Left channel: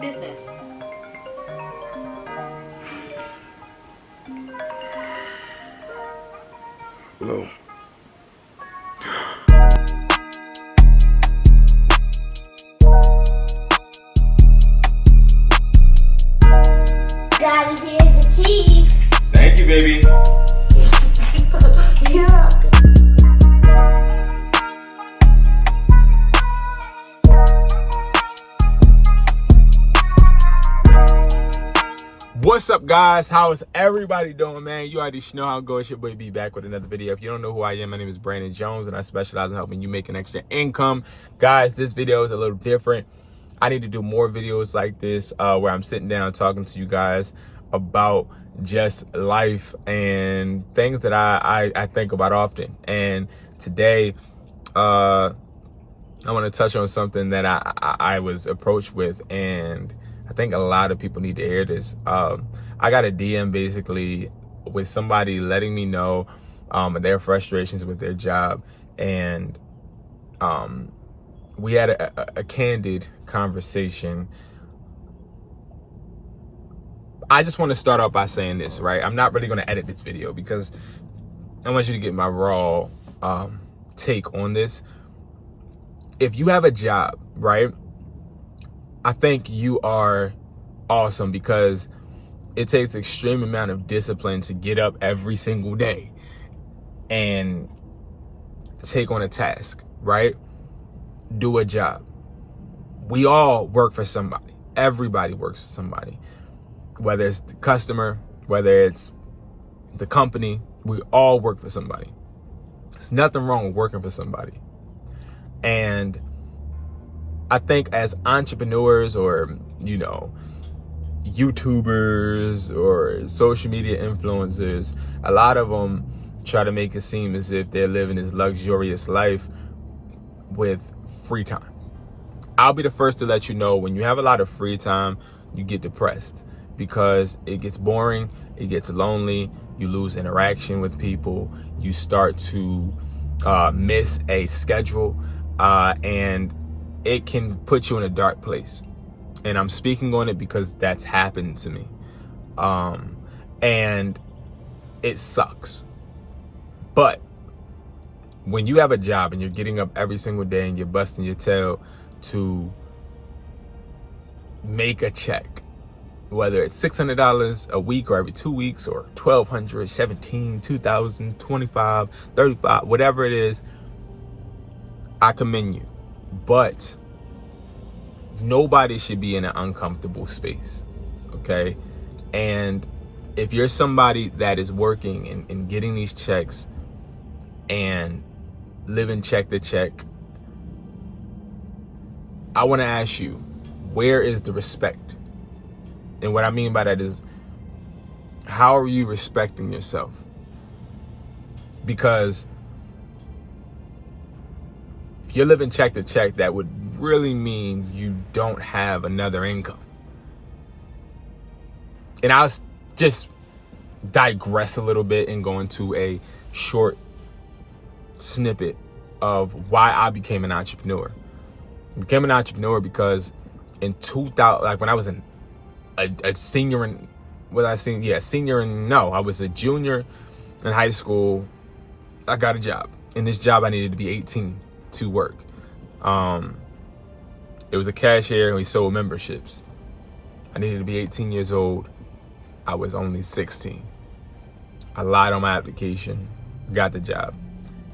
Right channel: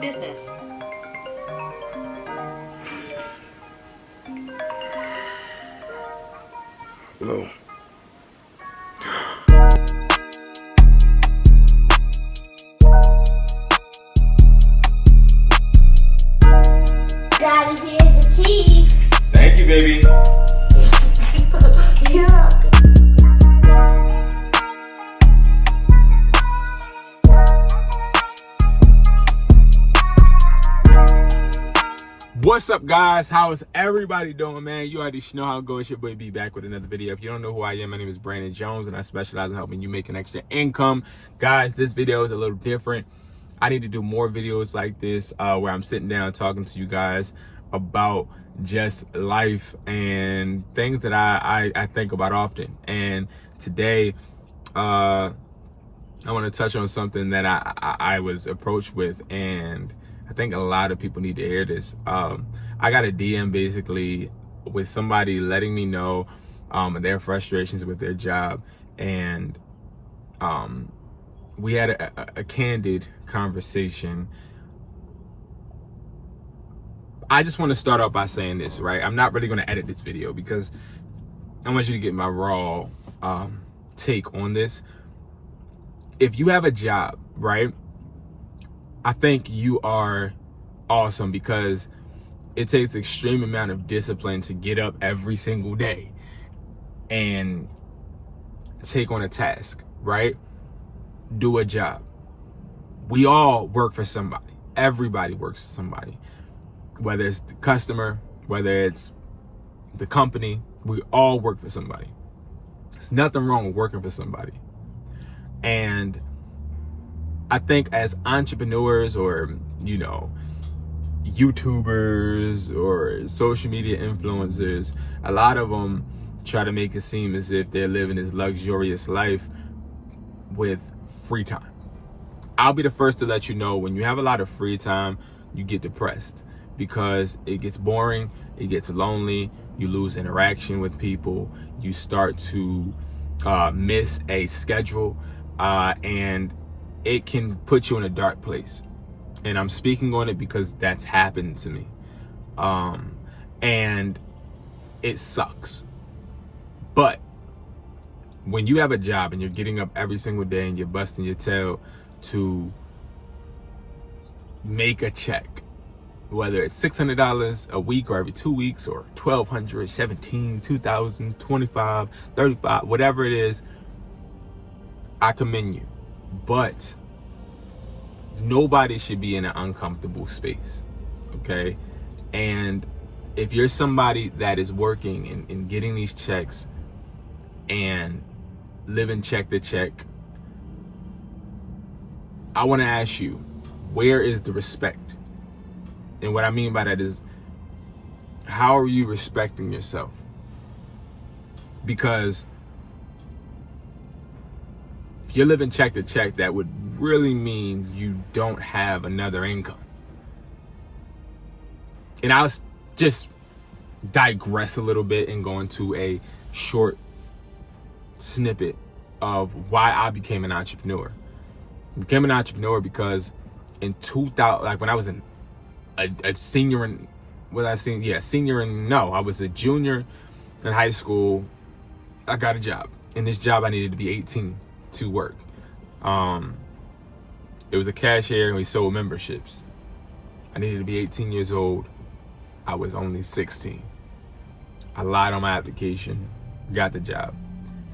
business. Hello. Daddy, here's the key. Thank you, baby. You're welcome. What's up, guys? How is everybody doing, man? You already know how it goes. Your boy B back with another video. If you don't know who I am, my name is Brandon Jones, and I specialize in helping you make an extra income. Guys, this video is a little different. I need to do more videos like this where I'm sitting down talking to you guys about just life and things that I think about often. And today, I want to touch on something that I was approached with, and I think a lot of people need to hear this. I got a DM basically with somebody letting me know their frustrations with their job, and we had a candid conversation. I just want to start off by saying this, right? I'm not really going to edit this video because I want you to get my raw take on this. If you have a job, right, I think you are awesome because it takes extreme amount of discipline to get up every single day and take on a task, right? Do a job. We all work for somebody. Everybody works for somebody. Whether it's the customer, whether it's the company, we all work for somebody. There's nothing wrong with working for somebody. And I think as entrepreneurs or, you know, YouTubers or social media influencers, a lot of them try to make it seem as if they're living this luxurious life with free time. I'll be the first to let you know, when you have a lot of free time, you get depressed because it gets boring, it gets lonely, you lose interaction with people, you start to miss a schedule, and it can put you in a dark place. And I'm speaking on it because that's happened to me. And it sucks. But when you have a job and you're getting up every single day and you're busting your tail to make a check, whether it's $600 a week or every 2 weeks or $1,200, $17, $2,000, $25, $35, whatever it is, I commend you. But nobody should be in an uncomfortable space, okay? And if you're somebody that is working and getting these checks and living check to check, I want to ask you, where is the respect? And what I mean by that is, how are you respecting yourself? Because if you're living check to check, that would really mean you don't have another income. And I'll just digress a little bit and go into a short snippet of why I became an entrepreneur. I became an entrepreneur because in 2000, like when I was a senior in, I was a junior in high school, I got a job. In this job, I needed to be 18 to work. It was a cashier and we sold memberships. I needed to be 18 years old. I was only 16. I lied on my application, got the job.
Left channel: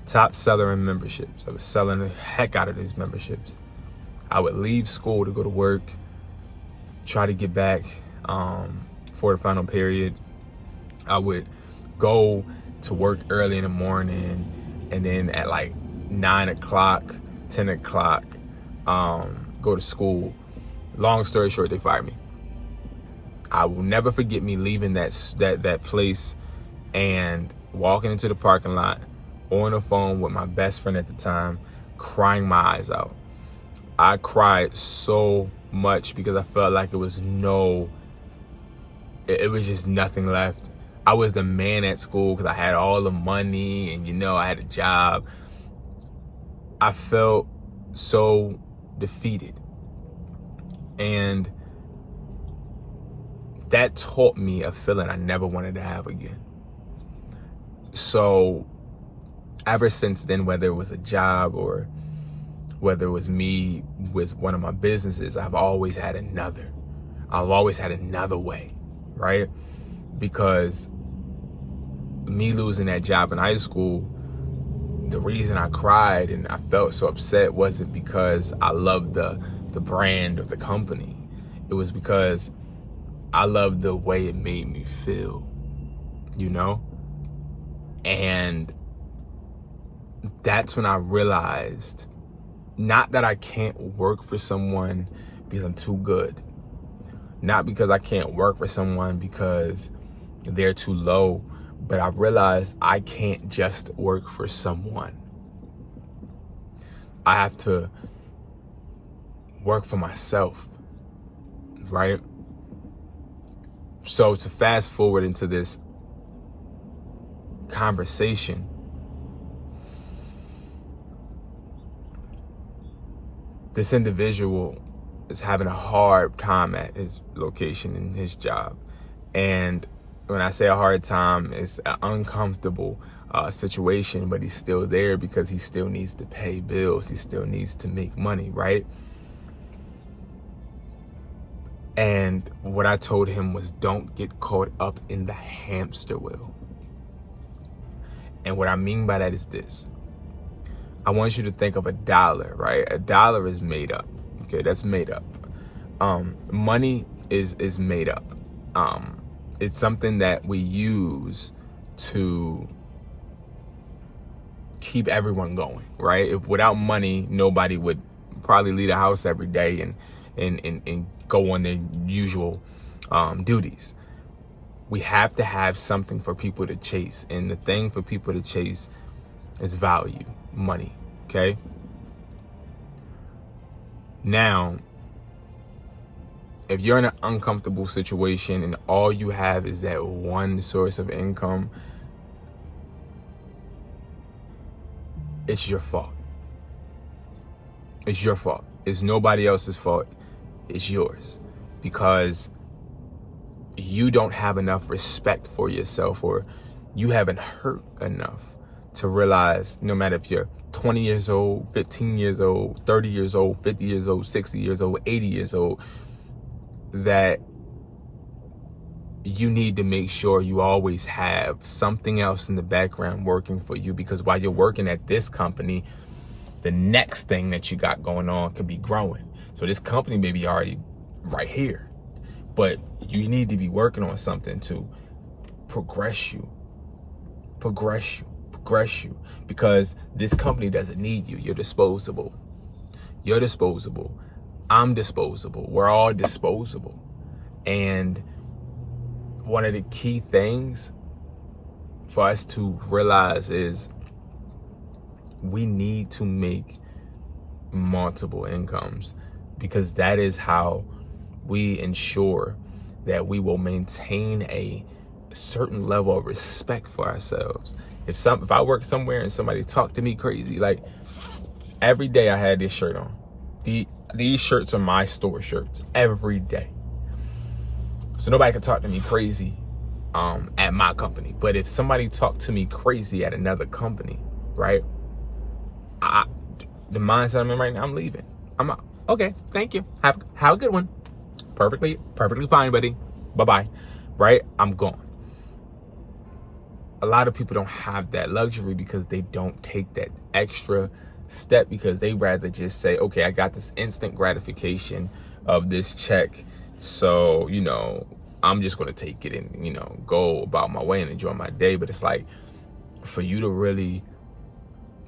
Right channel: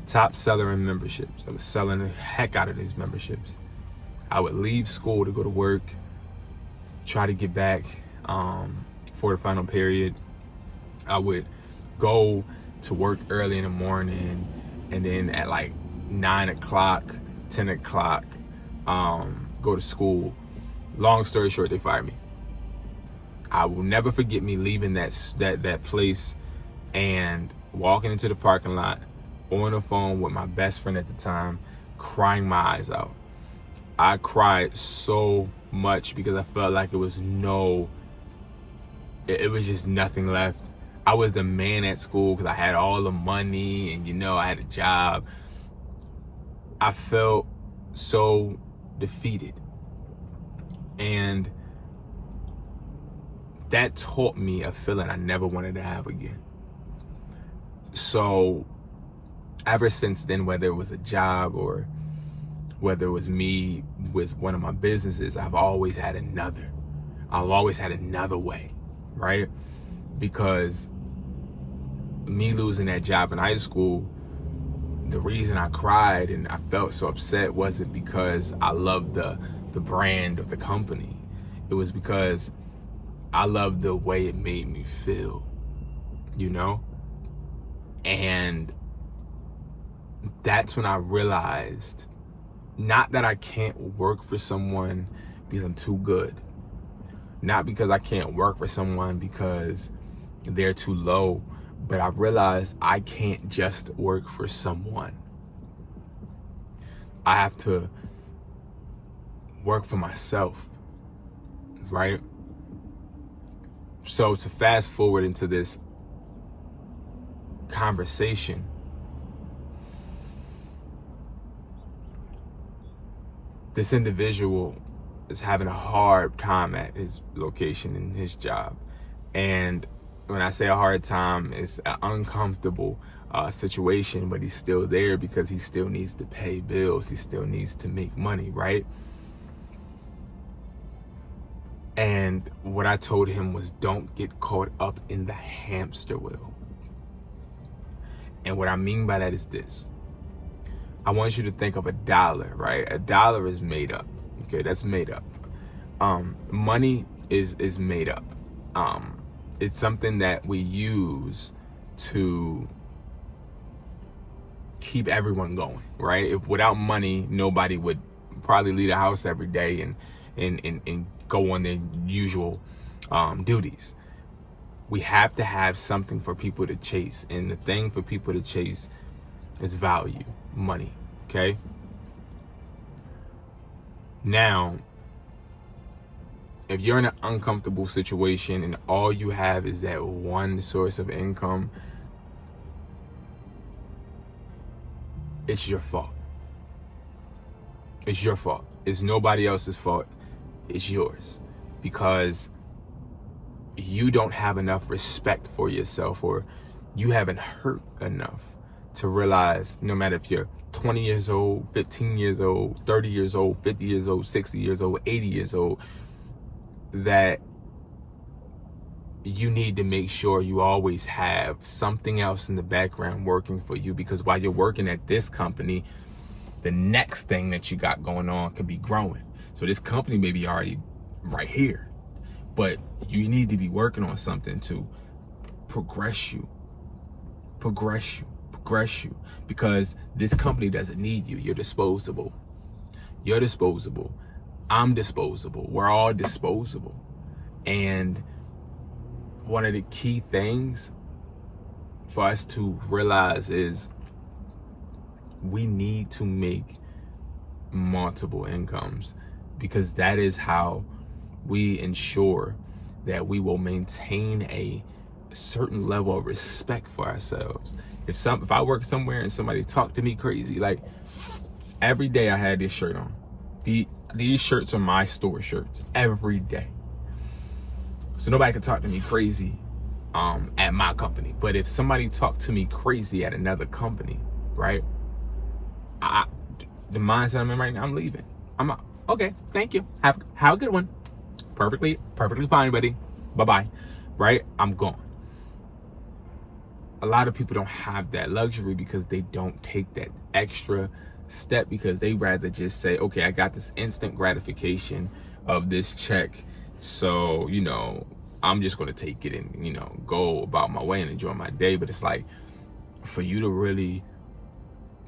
Top seller in memberships. I was selling the heck out of these memberships. I would leave school to go to work, try to get back for the final period. I would go to work early in the morning, and then at like 9 o'clock, 10 o'clock, go to school. Long story short, they fired me. I will never forget me leaving that place and walking into the parking lot on the phone with my best friend at the time, crying my eyes out. I cried so much because I felt like it was just nothing left. I was the man at school because I had all the money and, you know, I had a job. I felt so defeated. And that taught me a feeling I never wanted to have again. So ever since then, whether it was a job or whether it was me with one of my businesses, I've always had another way, right? Because me losing that job in high school, the reason I cried and I felt so upset wasn't because I loved the brand of the company. It was because I loved the way it made me feel, you know? And that's when I realized, not that I can't work for someone because I'm too good, not because I can't work for someone because they're too low, but I realized I can't just work for someone. I have to work for myself, right? So to fast forward into this conversation, this individual is having a hard time at his location in his job. And when I say a hard time, it's an uncomfortable situation, but he's still there because he still needs to pay bills. He still needs to make money, right? And what I told him was, don't get caught up in the hamster wheel. And what I mean by that is this. I want you to think of $1, right? $1 is made up. Okay, that's made up. Money is made up. It's something that we use to keep everyone going, right? If without money, nobody would probably leave the house every day and go on their usual duties. We have to have something for people to chase, and the thing for people to chase is value, money, okay? Now, if you're in an uncomfortable situation and all you have is that one source of income, it's your fault. It's your fault. It's nobody else's fault. It's yours. Because you don't have enough respect for yourself, or you haven't hurt enough to realize, no matter if you're 20 years old, 15 years old, 30 years old, 50 years old, 60 years old, 80 years old, that you need to make sure you always have something else in the background working for you, because while you're working at this company, the next thing that you got going on could be growing. So this company may be already right here, but you need to be working on something to progress you, because this company doesn't need you. You're disposable. You're disposable. I'm disposable. We're all disposable. And one of the key things for us to realize is we need to make multiple incomes, because that is how we ensure that we will maintain a certain level of respect for ourselves. If I work somewhere and somebody talked to me crazy, like every day I had this shirt on. These shirts are my store shirts every day. So nobody can talk to me crazy at my company. But if somebody talked to me crazy at another company, right? The mindset I'm in right now, I'm leaving. I'm out. Okay, thank you. Have a good one. Perfectly fine, buddy. Bye-bye. Right? I'm gone. A lot of people don't have that luxury because they don't take that extra step, because they rather just say, okay, I got this instant gratification of this check, so, you know, I'm just going to take it and, you know, go about my way and enjoy my day. But it's like, for you to really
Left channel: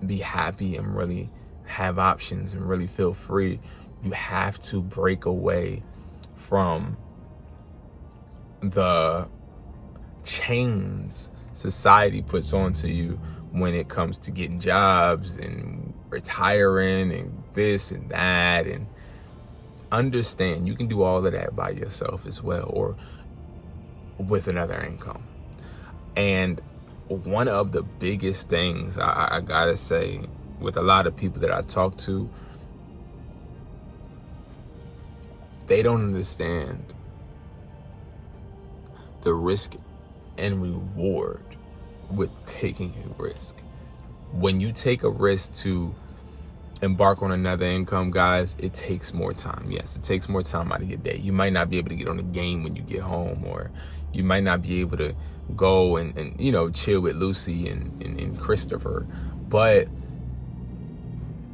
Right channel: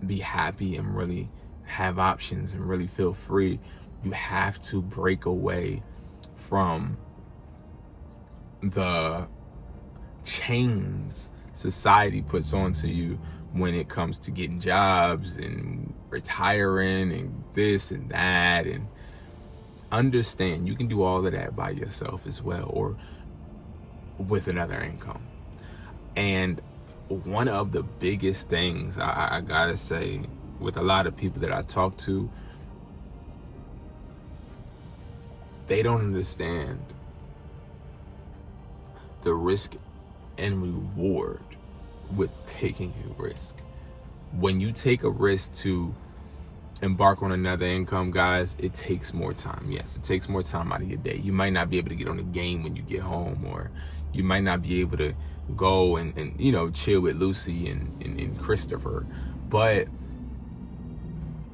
be happy and really have options and really feel free, you have to break away from the chains society puts onto you when it comes to getting jobs and retiring and this and that. And understand you can do all of that by yourself as well, or with another income. And one of the biggest things I gotta say, with a lot of people that I talk to, they don't understand the risk and reward with taking a risk. When you take a risk to embark on another income, guys, it takes more time. Yes, it takes more time out of your day. You might not be able to get on the game when you get home, or you might not be able to go and you know, chill with Lucy and Christopher, but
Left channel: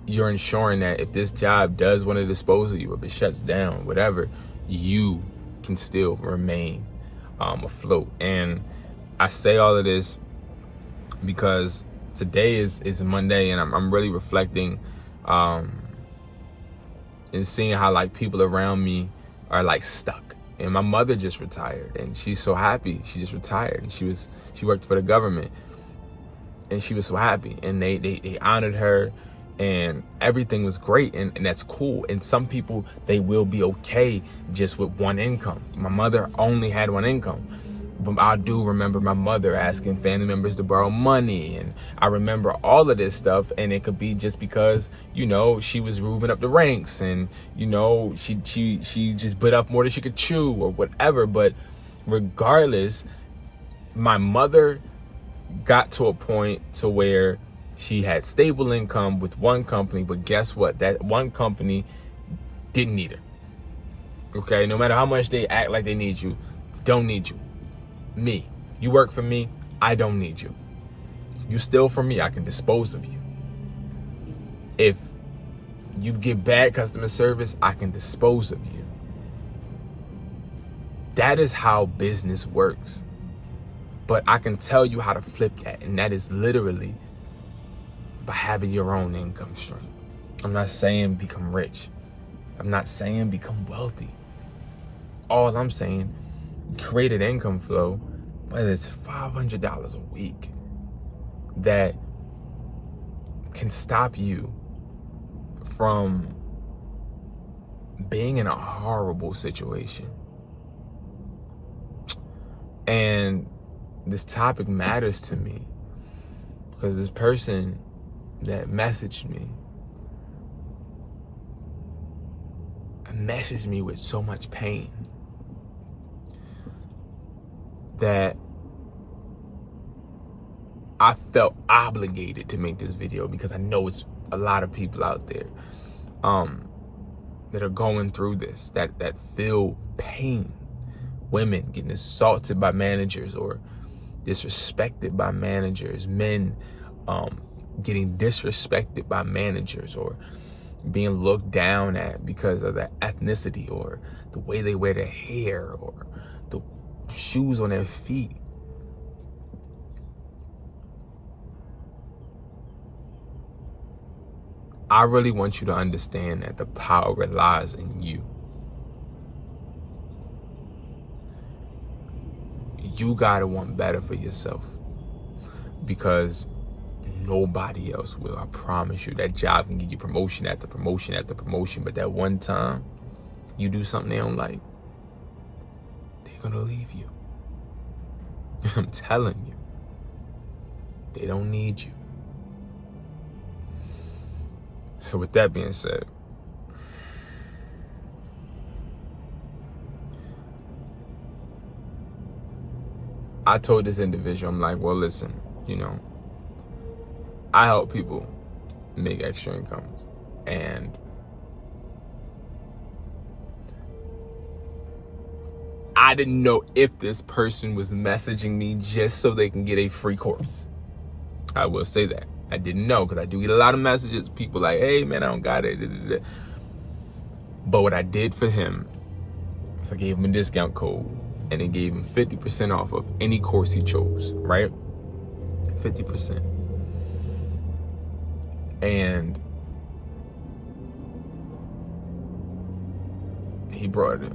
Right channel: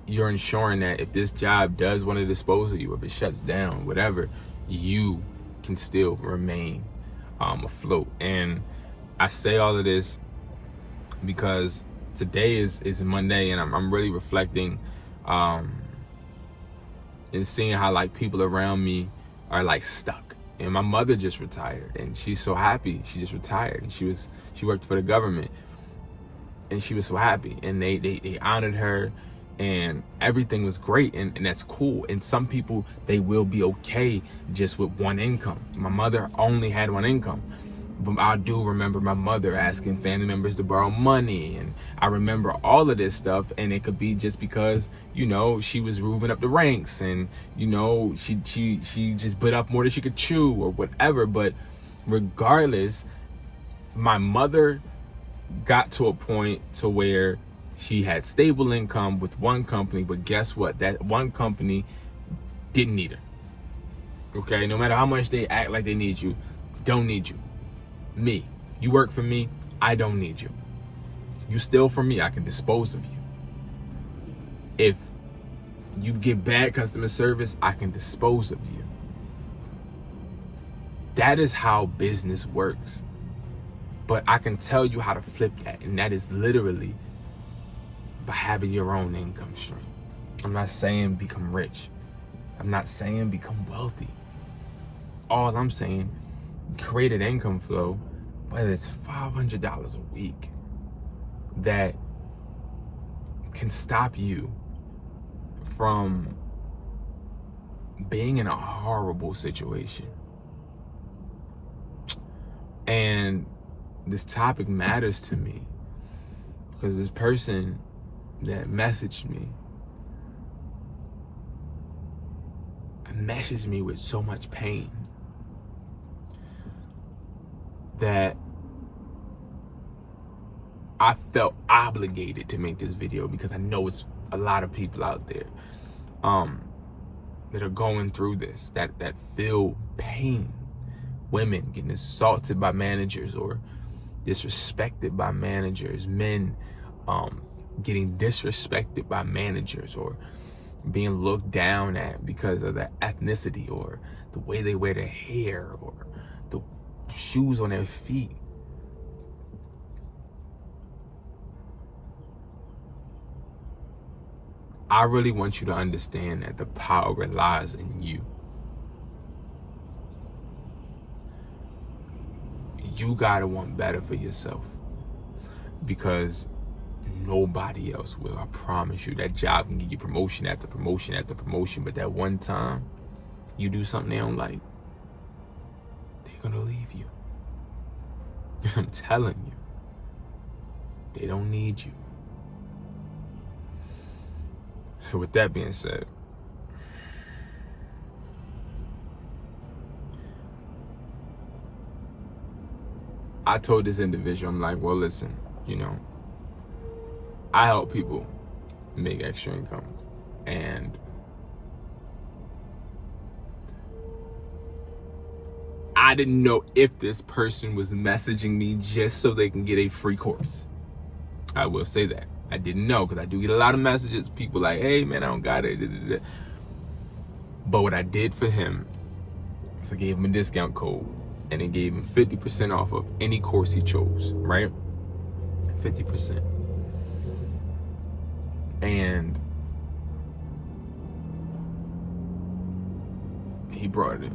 you're ensuring that if this job does want to dispose of you, if it shuts down, whatever, you can still remain afloat. And I say all of this because today is Monday, and I'm really reflecting and seeing how like people around me are like stuck. And my mother just retired, and she's so happy. She just retired, and she worked for the government, and she was so happy, and they honored her, and everything was great, and that's cool. And some people, they will be okay just with one income. My mother only had one income. But I do remember my mother asking family members to borrow money, and I remember all of this stuff. And it could be just because, you know, she was moving up the ranks, and you know, she just bit off more than she could chew or whatever. But regardless, my mother got to a point to where she had stable income with one company, but guess what? That one company didn't need her. Okay, no matter how much they act like they need you, don't need you. Me, you work for me, I don't need you. You steal from me, I can dispose of you. If you get bad customer service, I can dispose of you. That is how business works. But I can tell you how to flip that, and that is literally by having your own income stream. I'm not saying become rich. I'm not saying become wealthy. All I'm saying, create an income flow, whether it's $500 a week, that can stop you from being in a horrible situation. And this topic matters to me because this person that messaged me with so much pain that I felt obligated to make this video, because I know it's a lot of people out there that are going through this, that feel pain. Women getting assaulted by managers or disrespected by managers, men getting disrespected by managers or being looked down at because of their ethnicity or the way they wear their hair or the shoes on their feet. I really want you to understand that the power lies in you. You gotta want better for yourself, because nobody else will. I promise you. That job can give you promotion after promotion after promotion, but that one time you do something they don't like, they're gonna leave you. I'm telling you, they don't need you. So with that being said, I told this individual, I'm like, well, listen, you know, I help people make extra incomes, and I didn't know if this person was messaging me just so they can get a free course. I will say that. I didn't know, because I do get a lot of messages, people like, hey man, I don't got it. But what I did for him is I gave him a discount code, and it gave him 50% off of any course he chose, right? 50%. And he brought it.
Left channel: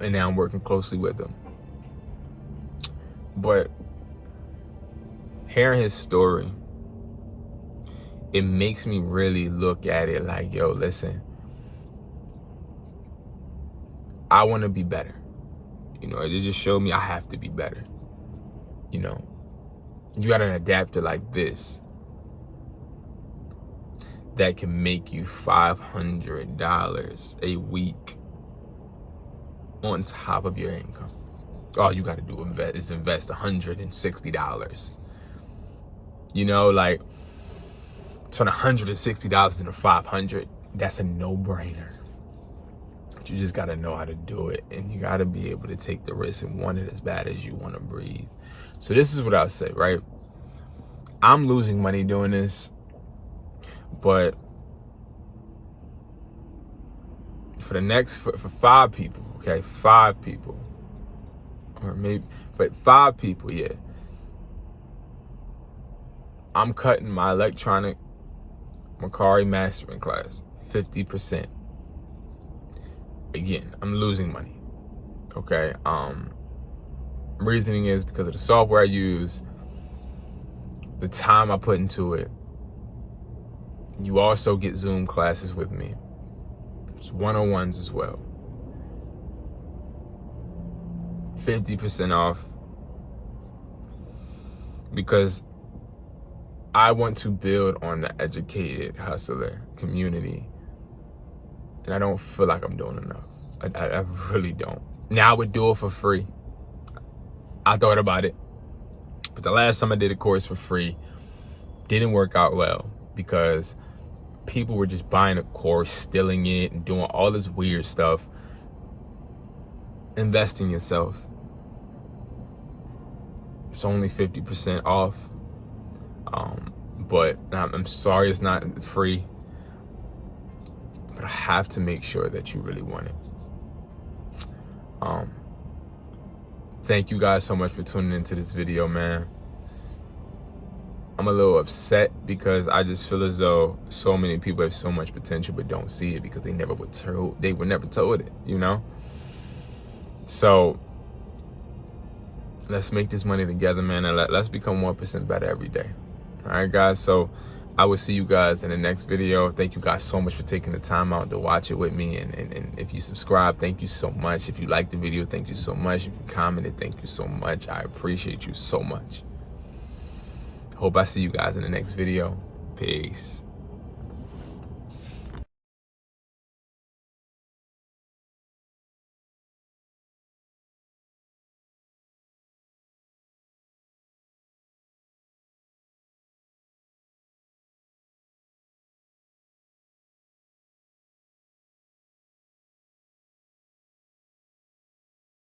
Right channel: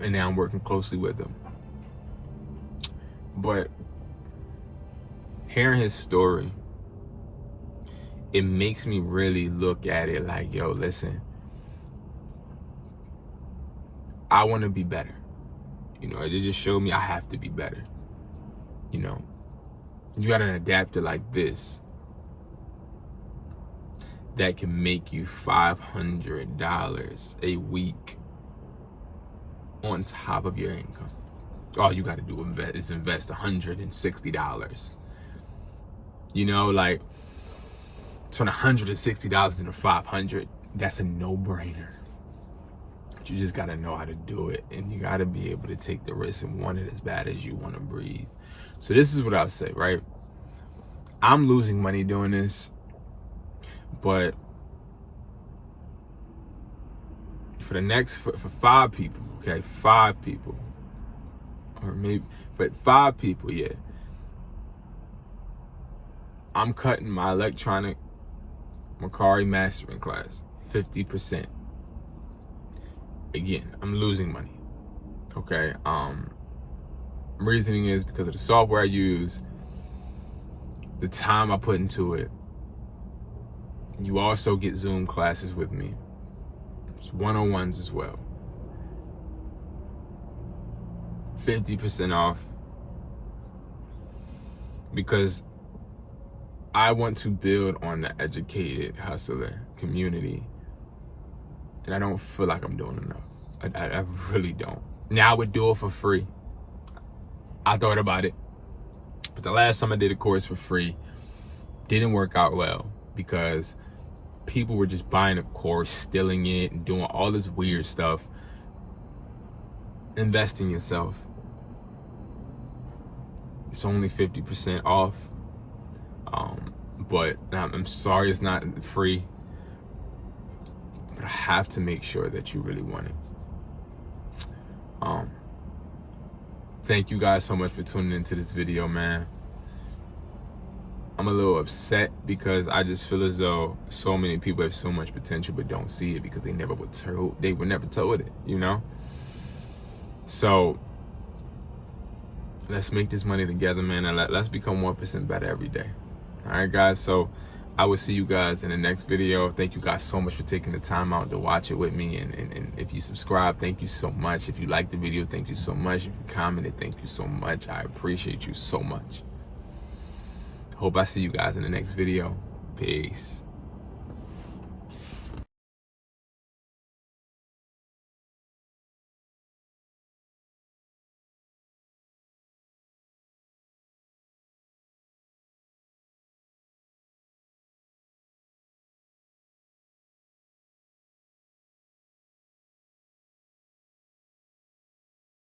And now I'm working closely with him. But hearing his story, it makes me really look at it like, yo, listen, I want to be better. You know, it just showed me I have to be better. You know, you got an adapter like this that can make you $500 a week on top of your income. All you got to do is invest $160. You know, like, turn $160 into $500. That's a no-brainer. But you just got to know how to do it, and you got to be able to take the risk and want it as bad as you want to breathe. So this is what I'll say, right? I'm losing money doing this, but for 5 people, okay, 5 people, or maybe, but 5 people, yeah, I'm cutting my electronic MERCARI mastering class 50%. Again, I'm losing money, okay? Reasoning is because of the software I use, the time I put into it. You also get Zoom classes with me. It's 101s as well. 50% off, because I want to build on the educated hustler community, and I don't feel like I'm doing enough. I really don't. Now I would do it for free. I thought about it, but the last time I did a course for free didn't work out well, because people were just buying a course, stealing it, and doing all this weird stuff. Invest in yourself. It's only 50% off. But I'm sorry it's not free. But I have to make sure that you really want it. Thank you guys so much for tuning into this video, man. I'm a little upset because I just feel as though so many people have so much potential but don't see it because they were never told it, you know? So let's make this money together, man, and let's become 1% better every day. All right, guys, so I will see you guys in the next video. Thank you guys so much for taking the time out to watch it with me. And if you subscribe, thank you so much. If you liked the video, thank you so much. If you commented, thank you so much. I appreciate you so much. Hope I see you guys in the next video. Peace.